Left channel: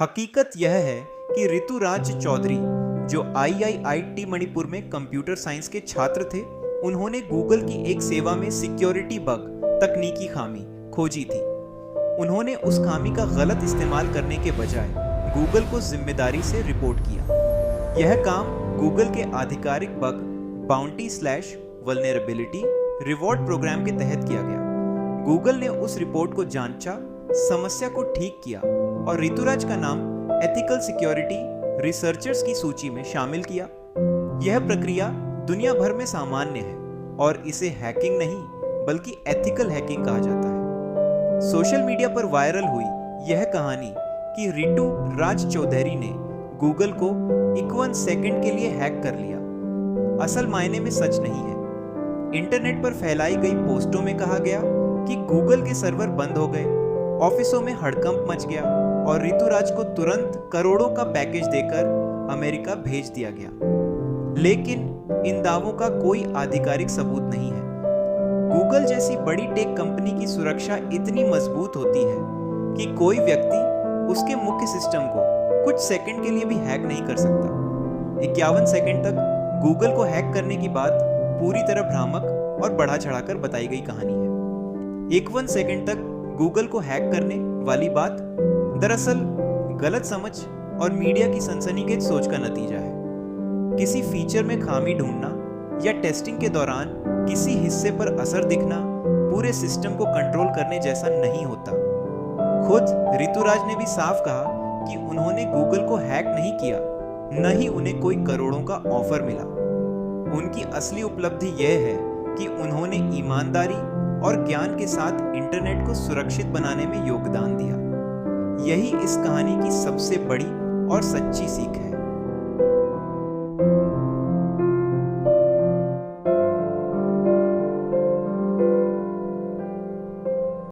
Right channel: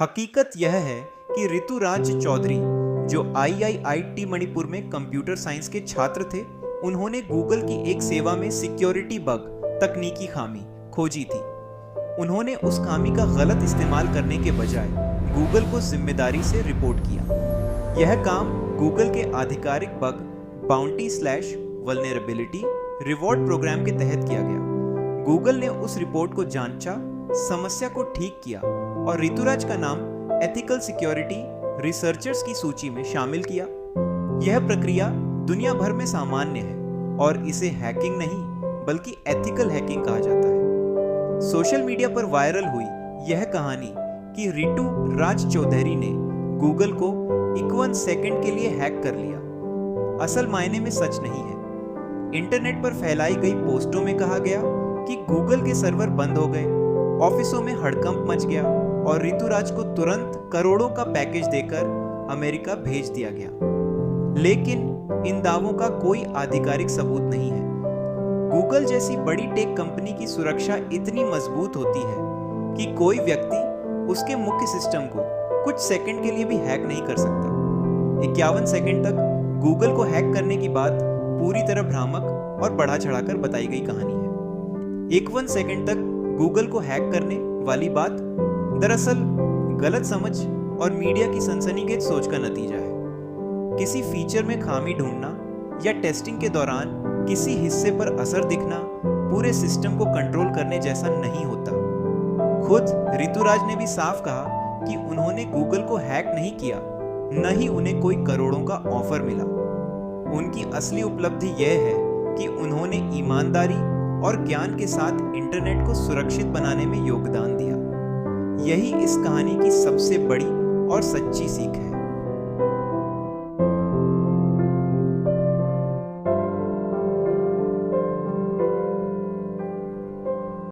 हकीकत यह है कि ऋतुराज चौधरी, जो आईआईटी मणिपुर में कंप्यूटर साइंस के छात्र थे, उन्होंने गूगल की एक सेवा में सिक्योरिटी बग, तकनीकी खामी खोजी थी। उन्होंने उस खामी का गलत इस्तेमाल करने के बजाय गूगल को जिम्मेदारी से रिपोर्ट किया। यह काम गूगल के आधिकारिक बग बाउंटी/वल्नरेबिलिटी रिवॉर्ड प्रोग्राम के तहत किया गया। गूगल ने उस रिपोर्ट को जांचा, समस्या को ठीक किया और ऋतुराज का नाम एथिकल सिक्योरिटी रिसर्चर्स की सूची में शामिल किया। यह प्रक्रिया दुनिया भर में सामान्य है और इसे हैकिंग नहीं बल्कि एथिकल हैकिंग कहा जाता है। सोशल मीडिया पर वायरल हुई यह कहानी कि रितु राज चौधरी ने गूगल को 51 सेकंड के लिए हैक कर लिया, असल मायने में सच नहीं है। इंटरनेट पर फैलाई गई पोस्टों में कहा गया कि गूगल के सर्वर बंद हो गए, ऑफिसों में हड़कंप मच गया और ऋतुराज को तुरंत करोड़ों का पैकेज देकर अमेरिका भेज दिया गया। लेकिन इन दावों का कोई आधिकारिक सबूत नहीं है। गूगल जैसी बड़ी टेक कंपनी की सुरक्षा इतनी मजबूत होती है कि कोई व्यक्ति उसके मुख्य सिस्टम को कुछ सेकंड के लिए भी हैक नहीं कर सकता। 51 सेकंड तक गूगल को हैक करने की बात पूरी तरह भ्रामक और बढ़ा चढ़ाकर बताई गई कहानी है। 51 सेकंड तक गूगल को हैक करने वाली बात दरअसल गलत समझ और मीडिया की सनसनीखेज सोच का नतीजा है। किसी फीचर में खामी ढूंढना या टेस्टिंग के दौरान किसी हिस्से पर असर दिखना पूरे सिस्टम को कंट्रोल करने जैसा नहीं होता। खुद ऋतुराज ने भी साफ कहा कि उन्होंने गूगल को हैक नहीं किया, न ही उन्हें कोई करोड़ों का ऑफर मिला। उनकी असली उपलब्धि यह है कि उन्होंने ईमानदारी और ज्ञान के साथ इंटरनेट को सुरक्षित बनाने में योगदान दिया। यही इस कहानी की सबसे बड़ी और सच्ची सीख है।